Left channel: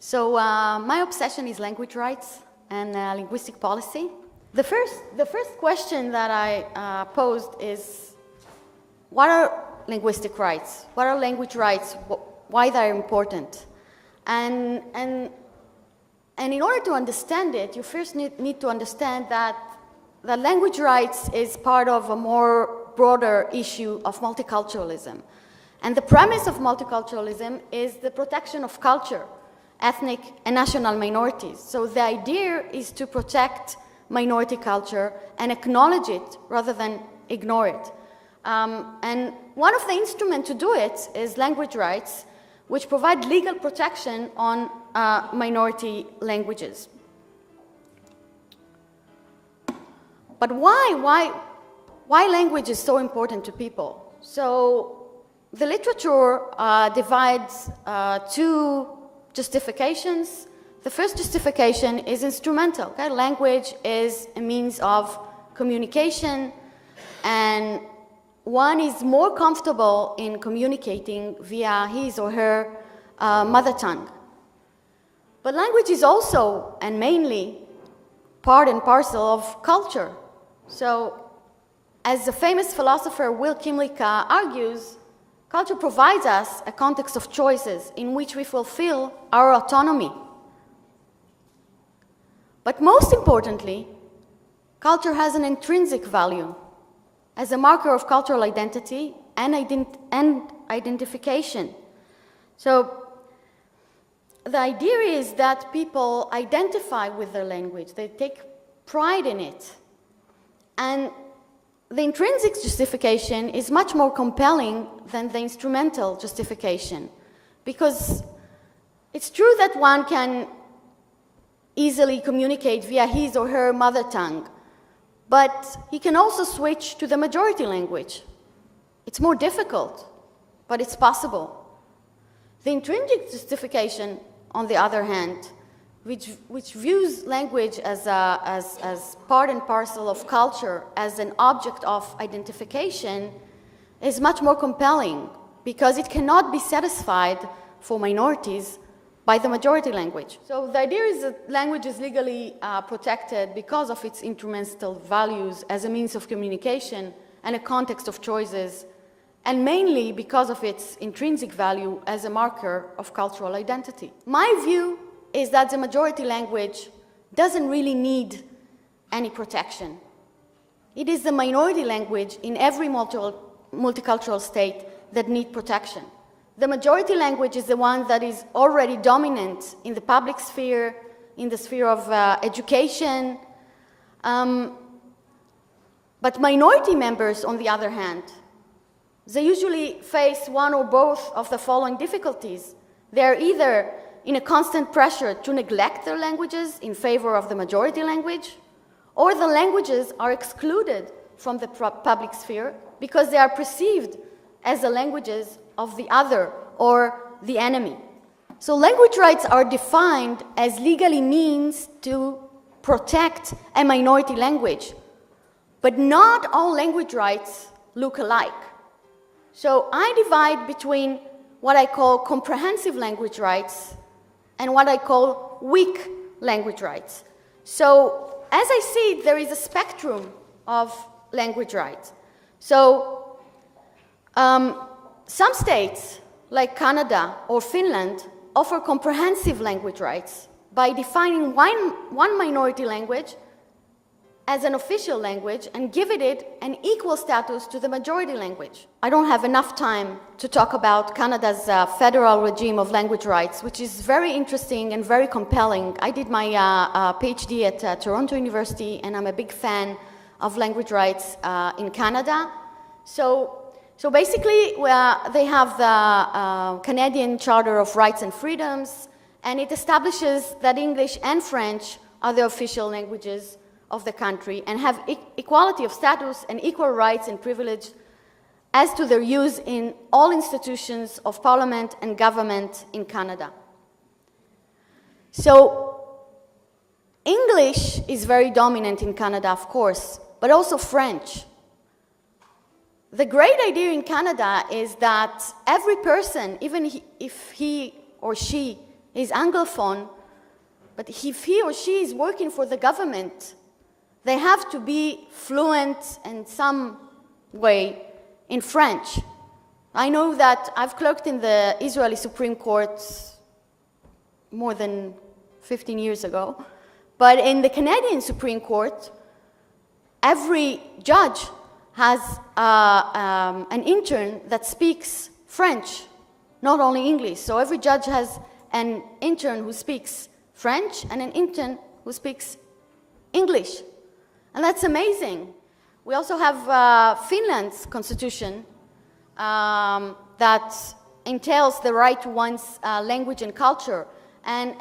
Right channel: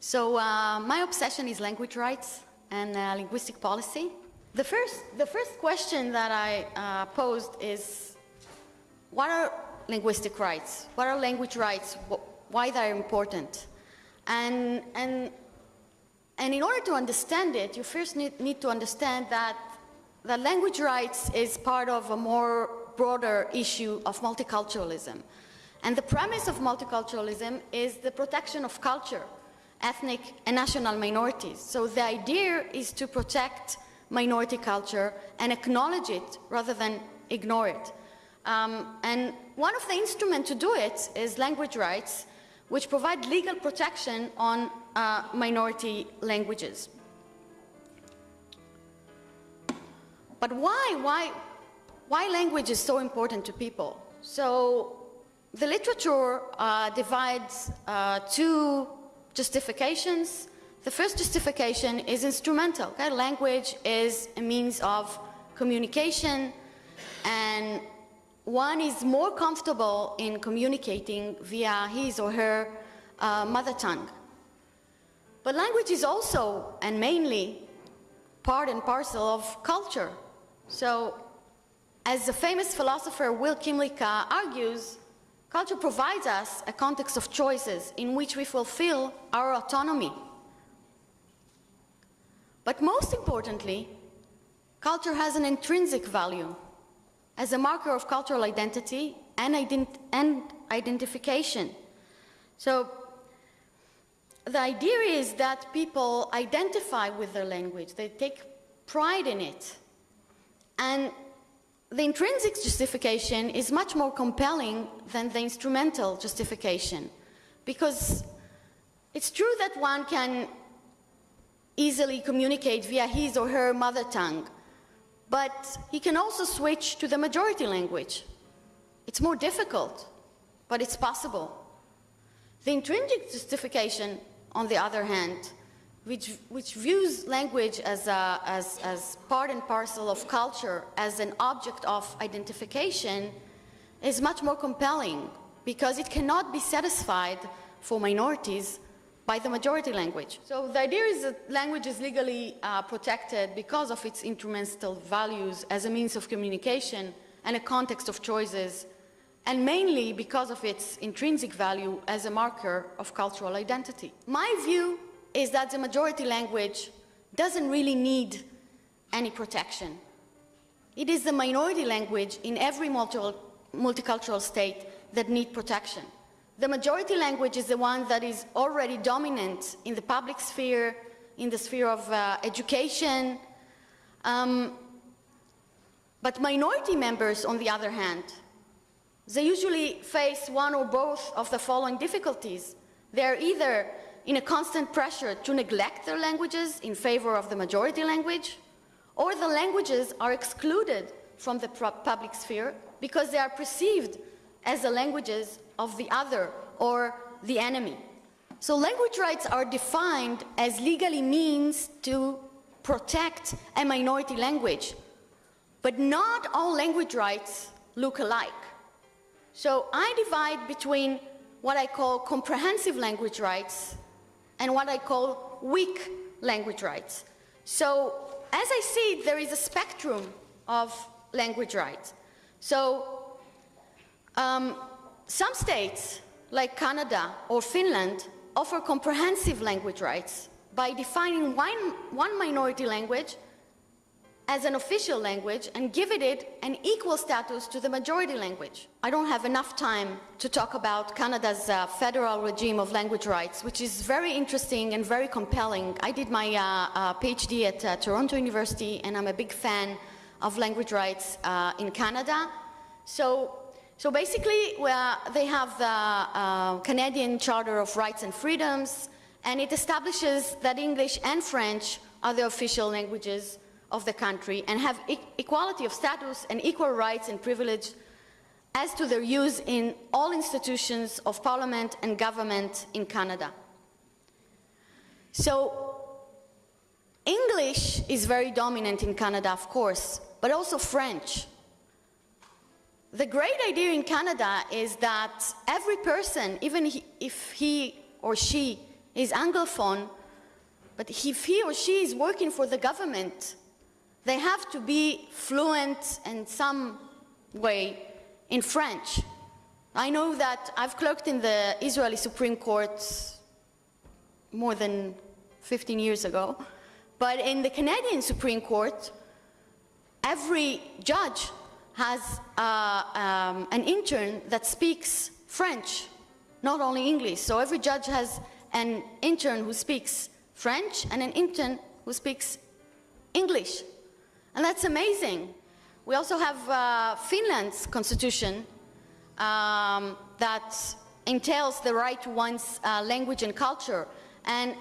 So my obsession is language rights and linguistic policy. The first question that I posed is, what are linguistic rights? What are language rights? Why they are important? And in order to understand it, you first need to understand that the language rights is part of a more broader issue of multiculturalism. And the premise of multiculturalism is the protection of culture, ethnic and national minorities. So the idea is to protect minority culture and acknowledge it rather than ignore it. And one of the instruments to do it is language rights, which provide legal protection on minority languages. But why language is so important to people? So the literature divides two justifications. The first justification is instrumental. Okay? Language is a means of communication, and one is more comfortable in communicating via his or her mother tongue. But language is also, and mainly, part and parcel of culture. So, as the famous philosopher Will Kymlicka argues, culture provides us a context of choices in which we fulfill our autonomy. But most importantly, culture has an intrinsic value as a marker of cultural identity and identification. So the idea is that people identify with their language, they take pride in it. And the intrinsic justification is much more compelling than the instrumental justification, because it's true that one can easily communicate via his or her mother tongue, but he can also switch to the majority language. It's more difficult, but it's possible. The intrinsic justification, on the other hand, which views language as part and parcel of culture, as an object of identification, is much more compelling, because it cannot be satisfied for minorities by the majority language. So the idea is that language is legally protected because of its instrumental values as a means of communication and a context of choices, and mainly because of its intrinsic value as a marker of cultural identity. My view is that the majority language doesn't really need any protection. It is the minority language in every multicultural state that need protection. The majority language is the one that is already dominant in the public sphere, in the sphere of education. But minority members, on the other hand, they usually face one or both of the following difficulties. They are either in a constant pressure to neglect their languages in favor of the majority language, or the languages are excluded from the public sphere because they are perceived as the languages of the other or the enemy. So language rights are defined as legally means to protect a minority language, but not all language rights look alike. So I divide between what I call comprehensive language rights and what I call weak language rights. So as I see, there is a spectrum of language rights. So some states, like Canada or Finland, offer comprehensive language rights by defining one minority language as an official language and giving it an equal status to the majority language. I don't have enough time to talk about Canada's federal regime of language rights, which is very interesting and very compelling. I did my PhD at Toronto University, and I'm a big fan of language rights in Canada. So basically, they have the Canadian Charter of Rights and Freedoms, and it establishes that English and French are the official languages of the country and have equality of status and equal rights and privilege as to their use in all institutions of parliament and government in Canada. So English is very dominant in Canada, of course, but also French. The great idea in Canada is that every person, even if he or she is Anglophone, but if he or she is working for the government, they have to be fluent in some way in French. I know that I've clerked in the Israeli Supreme Court more than 15 years ago, but in the Canadian Supreme Court, every judge has an intern that speaks French, not only English. So every judge has an intern who speaks French and an intern who speaks English. And that's amazing. We also have Finland's constitution that entails the right to one's language and culture. And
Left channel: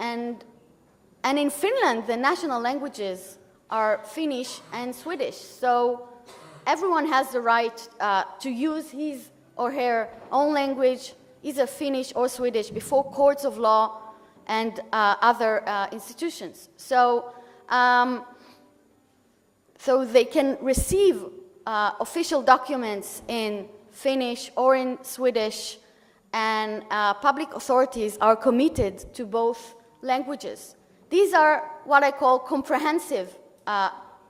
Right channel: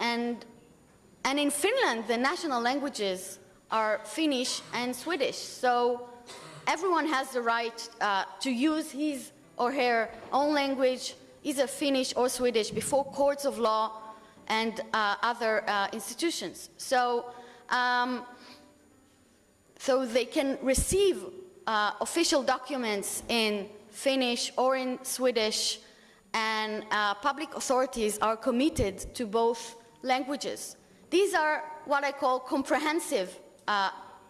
in Finland, the national languages are Finnish and Swedish. So everyone has the right to use his or her own language, either Finnish or Swedish, before courts of law and other institutions. So, so they can receive official documents in Finnish or in Swedish, and public authorities are committed to both languages. These are what I call comprehensive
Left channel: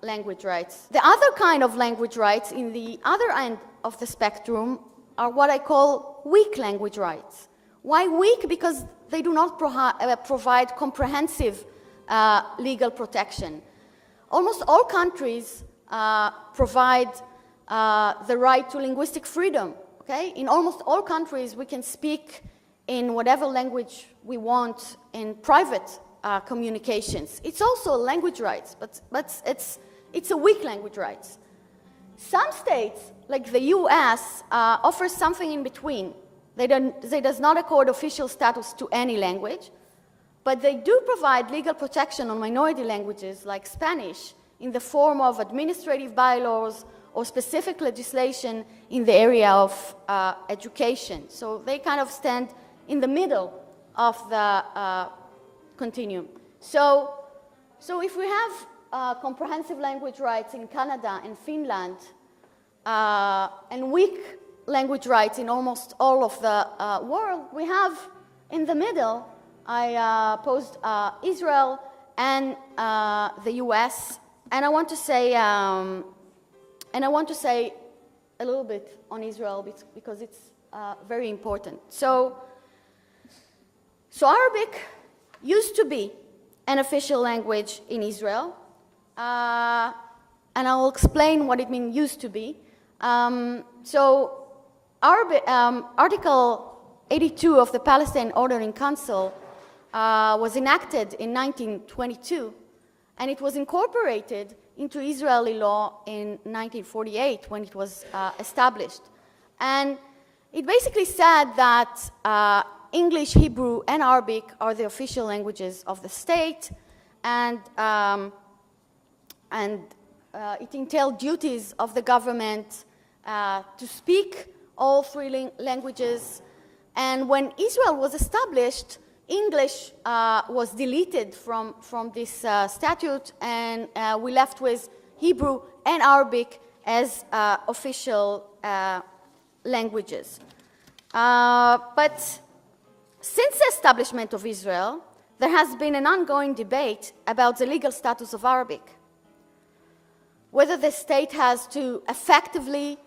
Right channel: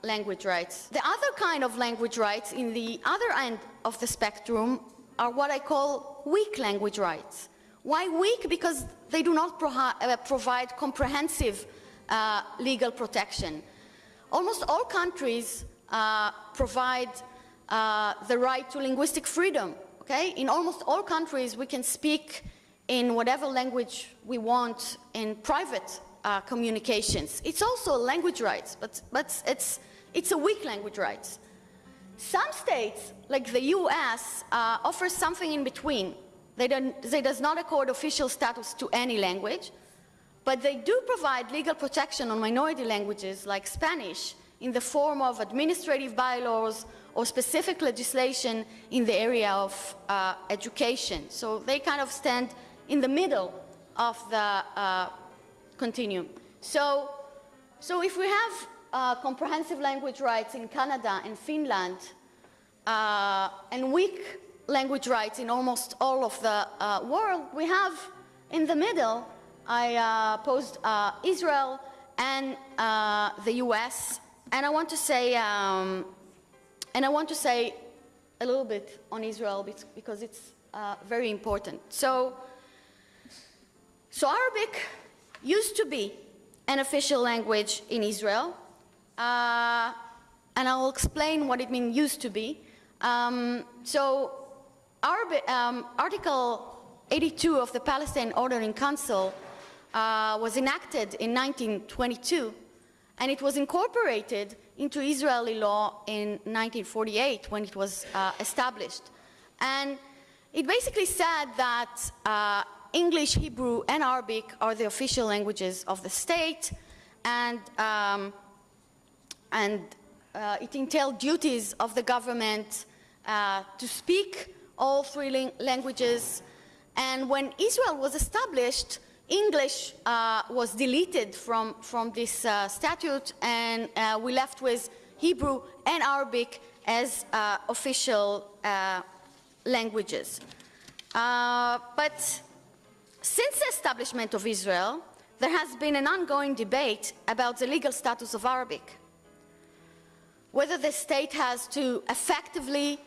language rights. The other kind of language rights in the other end of the spectrum are what I call weak language rights. Why weak? Because they do not provide comprehensive legal protection. Almost all countries provide the right to linguistic freedom. Okay? In almost all countries, we can speak in whatever language we want in private communications. It's also language rights, but it's a weak language rights. Some states, like the US, offers something in between. They does not accord official status to any language, but they do provide legal protection on minority languages like Spanish in the form of administrative bylaws or specific legislation in the area of education. So they kind of stand in the middle of the continuum. So if we have comprehensive language rights in Canada and Finland, and weak language rights in almost all of the world, we have in the middle, I posed Israel and the US, and I want to say a little bit on Israel because it's very important. So Arabic used to be an official language in Israel, and I will explain what it means used to be. So Article 82 of the Palestine Ordering Council was enacted in 1922, and it was incorporated into Israeli law in 1948 when it was established. And it basically said that English, Hebrew, and Arabic are the official languages of the state, and it entailed duties of the government to speak all three languages. And when Israel was established, English was deleted from this statute, and we left with Hebrew and Arabic as official languages. But since the establishment of Israel, there has been an ongoing debate about the legal status of Arabic, whether the state has to effectively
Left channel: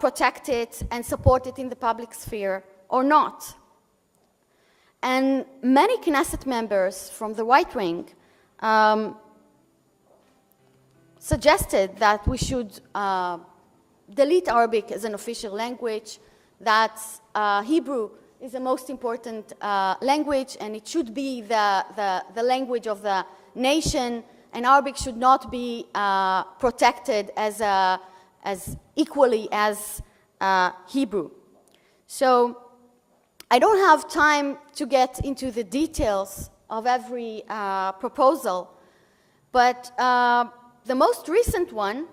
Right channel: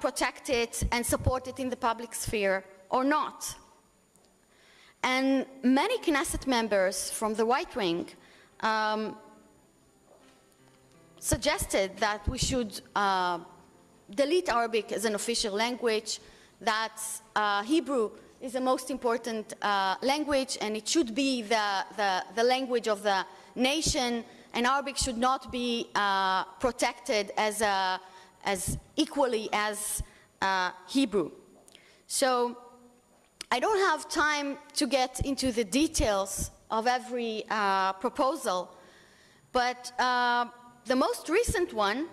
protect it and support it in the public sphere or not. And many Knesset members from the right wing suggested that we should delete Arabic as an official language, that Hebrew is the most important language, and it should be the language of the nation, and Arabic should not be protected as equally as Hebrew. So I don't have time to get into the details of every proposal, but the most recent one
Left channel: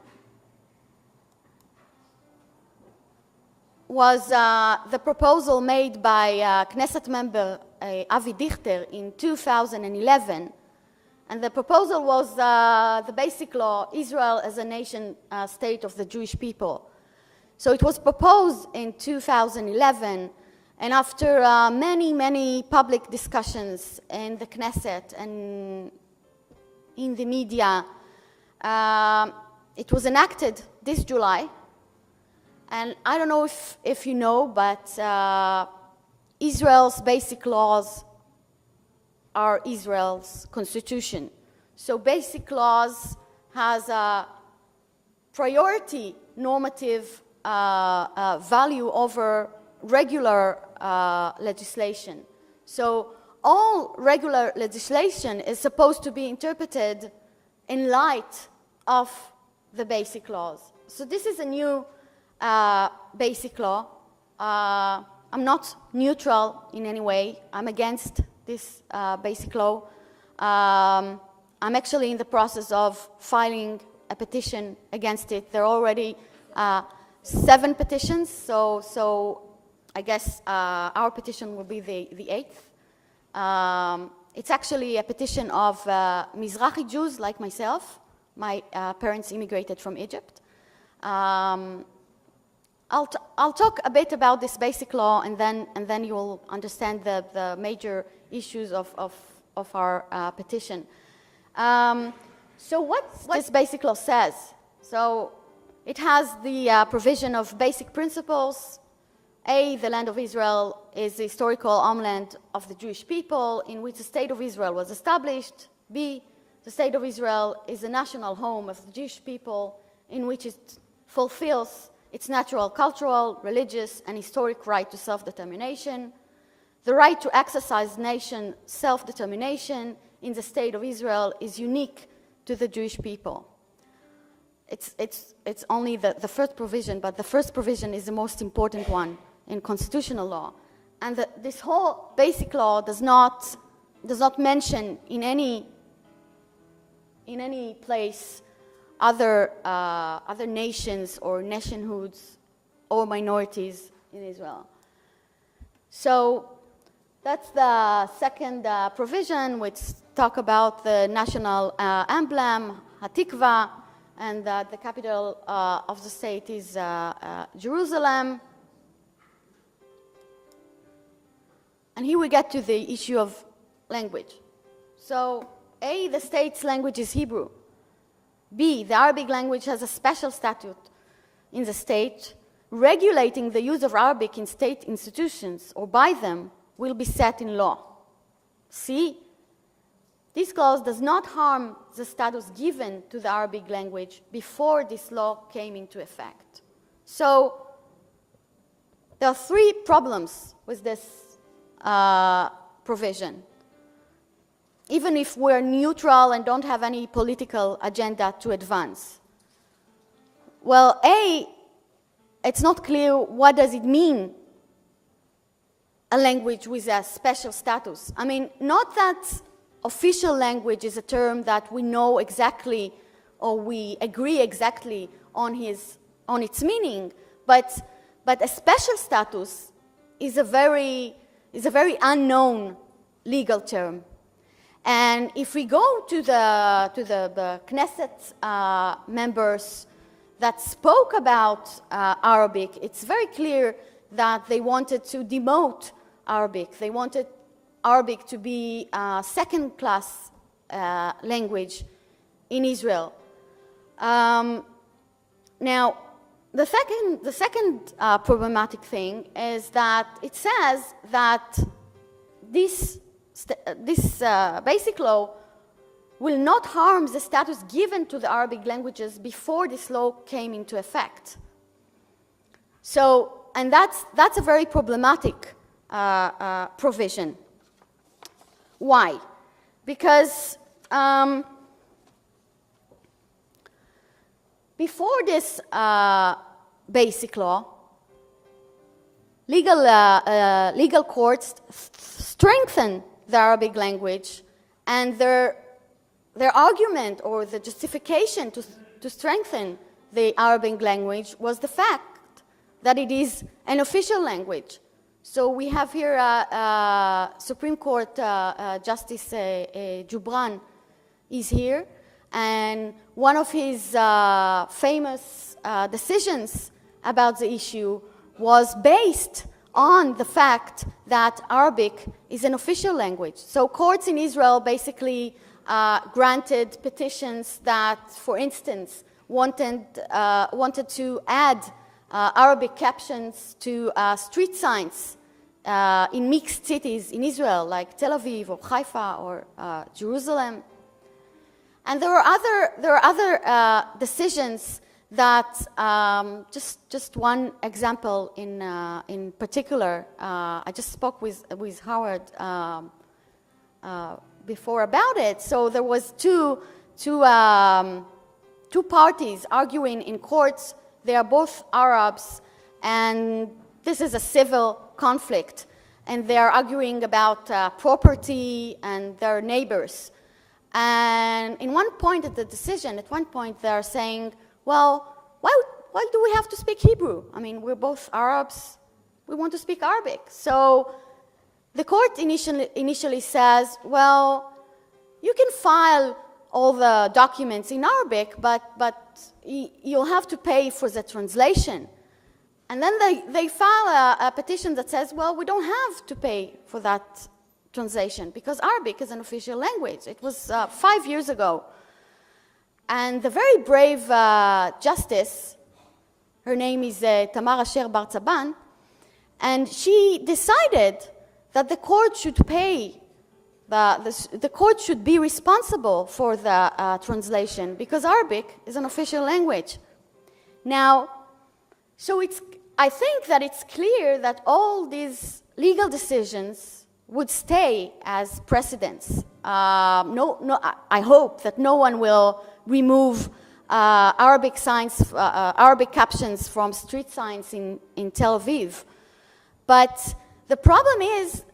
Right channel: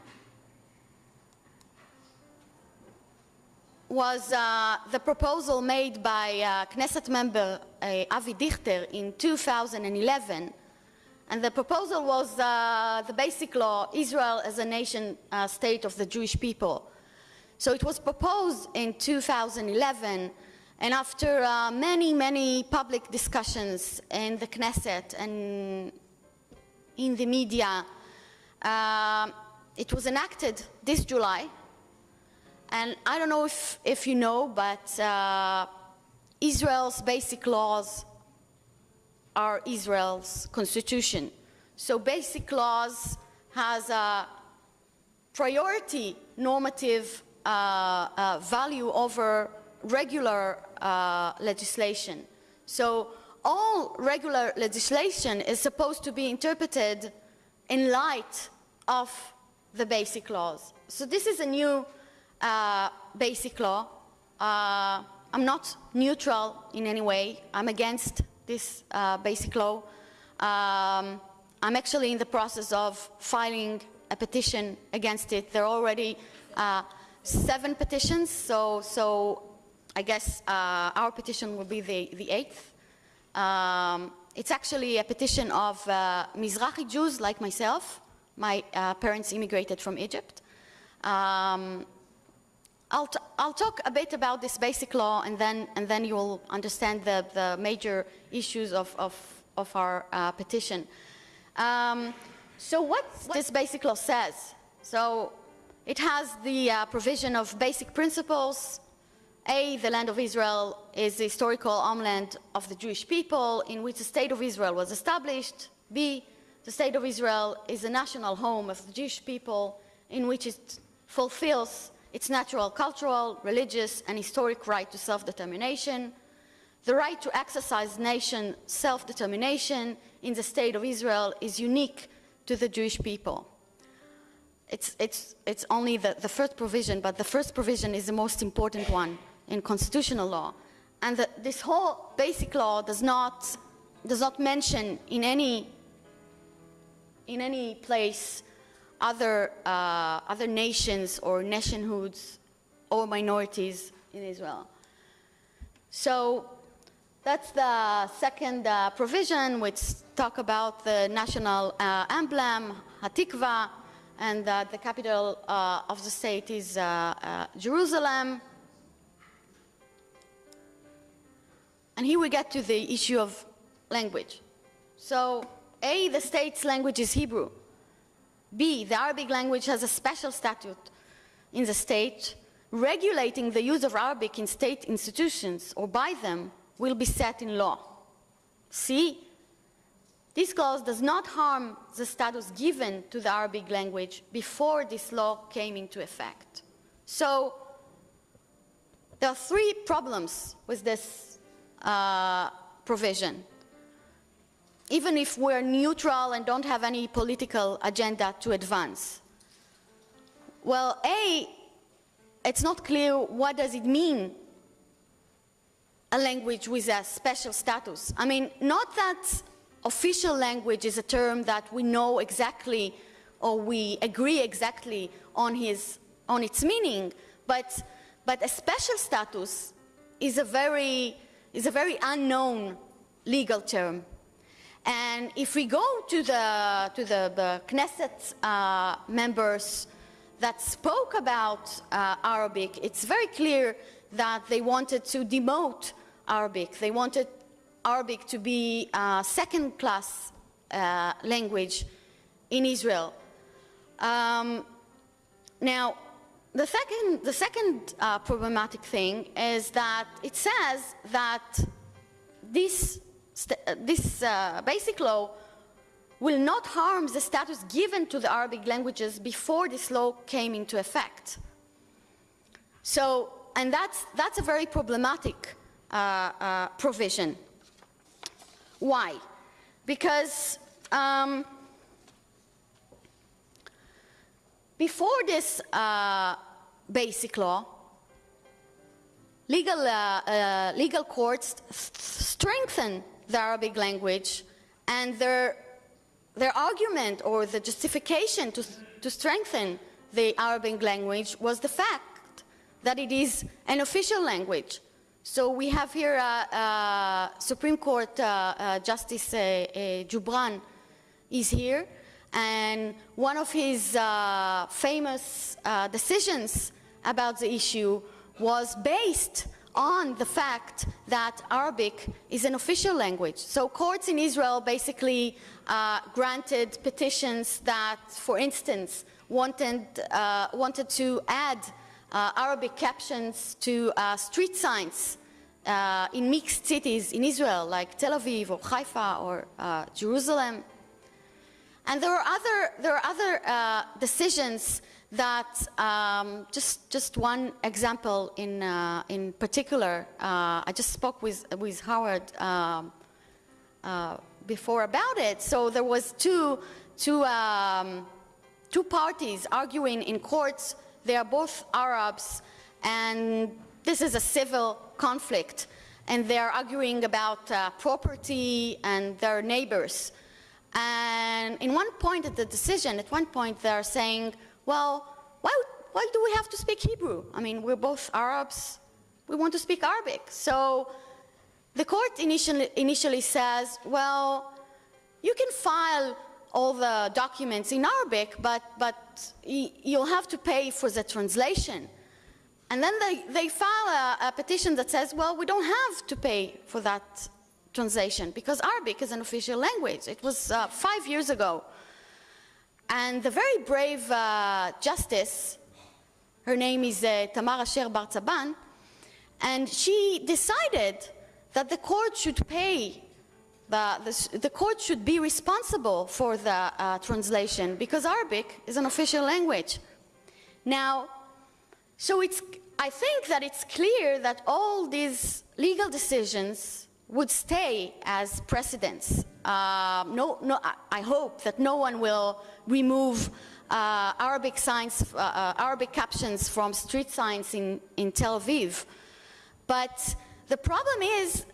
was the proposal made by Knesset member Avi Dichter in 2011. And the proposal was the basic law, Israel as a nation state of the Jewish people. So it was proposed in 2011, And after many public discussions in the Knesset and in the media, it was enacted this July. And I don't know if you know, but Israel's basic laws are Israel's constitution. So basic laws has a priority normative value over regular legislation. So all regular legislation is supposed to be interpreted in light of the basic laws. So this is a new basic law. I'm not neutral in any way. I'm against this basic law. I'm actually in the process of filing a petition against it. There are already 7 petitions, so I guess our petition will be the 8th. It's actually a petition of Mizrahi Jews like myself. My parents immigrated from Egypt. I'll talk a bit about this basic law, and then you'll understand the major issues of our petition. So what this basic law says? So it has the provision of basic principles. A, the land of Israel is the historical homeland of the Jewish people in which the state of Israel was established. B, the state of Israel is the national home of the Jewish people in which it fulfills its natural, cultural, religious, and historic right to self-determination. The right to exercise nation self-determination in the state of Israel is unique to the Jewish people. It's only the first provision, but the first provision is the most important one in constitutional law. And this whole basic law does not mention in any place other nations or nationhoods or minorities in Israel. So that's the second provision, which talk about the national emblem, Hatikva, and the capital of the state is Jerusalem. And here we get to the issue of language. So A, the state's language is Hebrew. B, the Arabic language has a special statute in the state. Regulating the use of Arabic in state institutions or by them will be set in law. C, this clause does not harm the status given to the Arabic language before this law came into effect. So there are 3 problems with this provision, even if we're neutral and don't have any political agenda to advance. Well, A, it's not clear what does it mean, a language with a special status. I mean, not that official language is a term that we know exactly or we agree exactly on its meaning, but a special status is a very unknown legal term. And if we go to the Knesset members that spoke about Arabic, it's very clear that they wanted to demote Arabic. They wanted Arabic to be a second-class language in Israel. Now, the second problematic thing is that it says that this basic law will not harm the status given to the Arabic languages before this law came into effect. So, and that's a very problematic provision. Why? Because before this basic law, legal courts strengthen the Arabic language, and their argument or the justification to strengthen the Arabic language was the fact that it is an official language. So we have here Supreme Court Justice Jubran is here, and one of his famous decisions about the issue was based on the fact that Arabic is an official language. So courts in Israel basically granted petitions that, for instance, wanted to add Arabic captions to street signs in mixed cities in Israel, like Tel Aviv or Haifa or Jerusalem. And there are other decisions that, just one example in particular, I just spoke with Howard before about it. So there was two parties arguing in courts. They are both Arabs, and this is a civil conflict, and they are arguing about property and their neighbors. And in one point at the decision, at one point they're saying, well, why do we have to speak Hebrew? I mean, we're both Arabs. We want to speak Arabic. So the court initially says, well, you can file all the documents in Arabic, but you'll have to pay for the translation. And then they file a petition that says, well, we don't have to pay for that translation because Arabic is an official language. It was 5 years ago. And the very brave justice, her name is Tamar Asher Bar-Tzaban, and she decided that the court should pay, the court should be responsible for the translation because Arabic is an official language. Now, so I think that it's clear that all these legal decisions would stay as precedents. I hope that no one will remove Arabic captions from street signs in Tel Aviv. But the problem is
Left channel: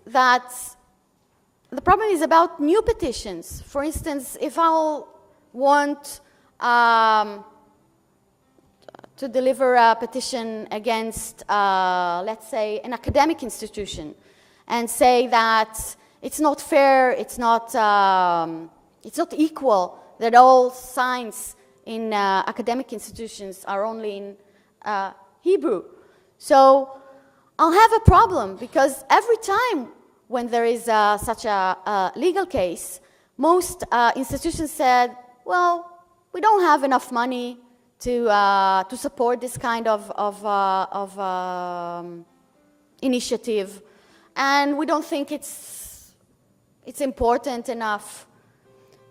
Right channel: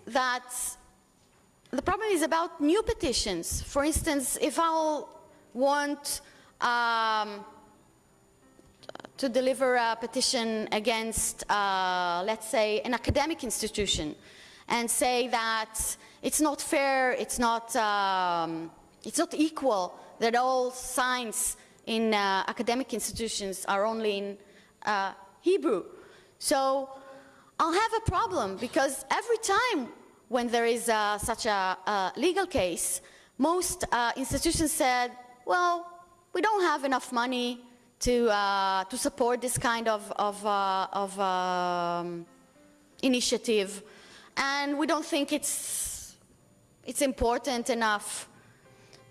about new petitions. For instance, if I'll want to deliver a petition against, let's say, an academic institution, and say that it's not fair, it's not equal, that all signs in academic institutions are only in Hebrew. So I'll have a problem because every time when there is such a legal case, most institutions said, well, we don't have enough money to support this kind of initiative, and we don't think it's important enough.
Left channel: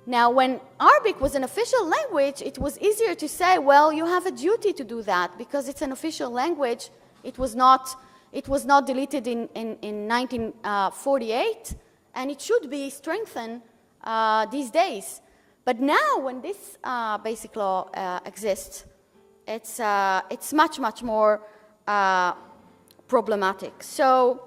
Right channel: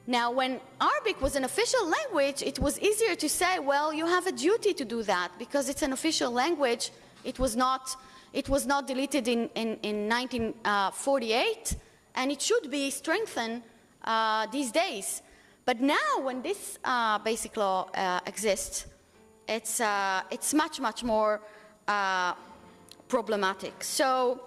Now, when Arabic was an official language, it was easier to say, well, you have a duty to do that because it's an official language. It was not deleted in 1948, and it should be strengthened these days. But now, when this basic law exists, it's much more problematic. So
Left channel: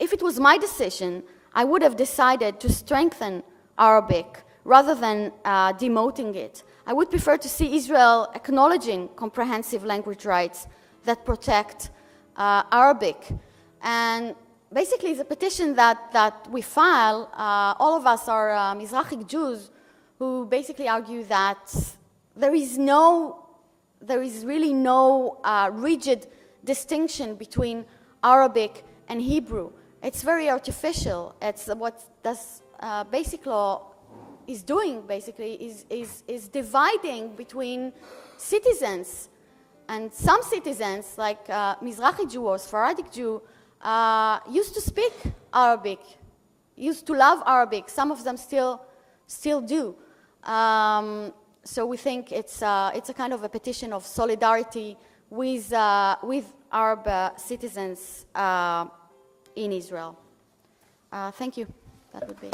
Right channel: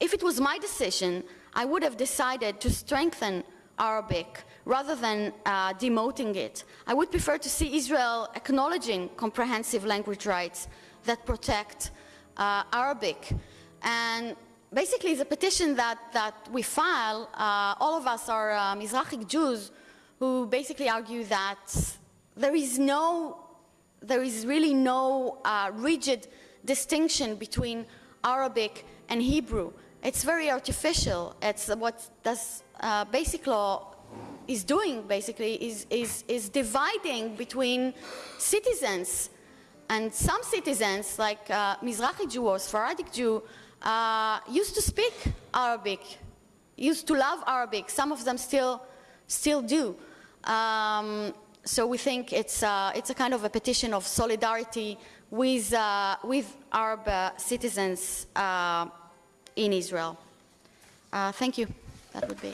if it was my decision, I would have decided to strengthen Arabic rather than demoting it. I would prefer to see Israel acknowledging comprehensive language rights that protect Arabic. And basically, the petition that we file, all of us are Mizrahi Jews who basically argue that there is really no rigid distinction between Arabic and Hebrew. It's very artificial. It's what this basic law is doing, basically, is dividing between citizens. And some citizens, like Mizrahi Jew or Sephardic Jew, used to speak Arabic, used to love Arabic. Some of them still do. So we think it's a kind of a petition of solidarity with Arab citizens in Israel. Thank you. That would be.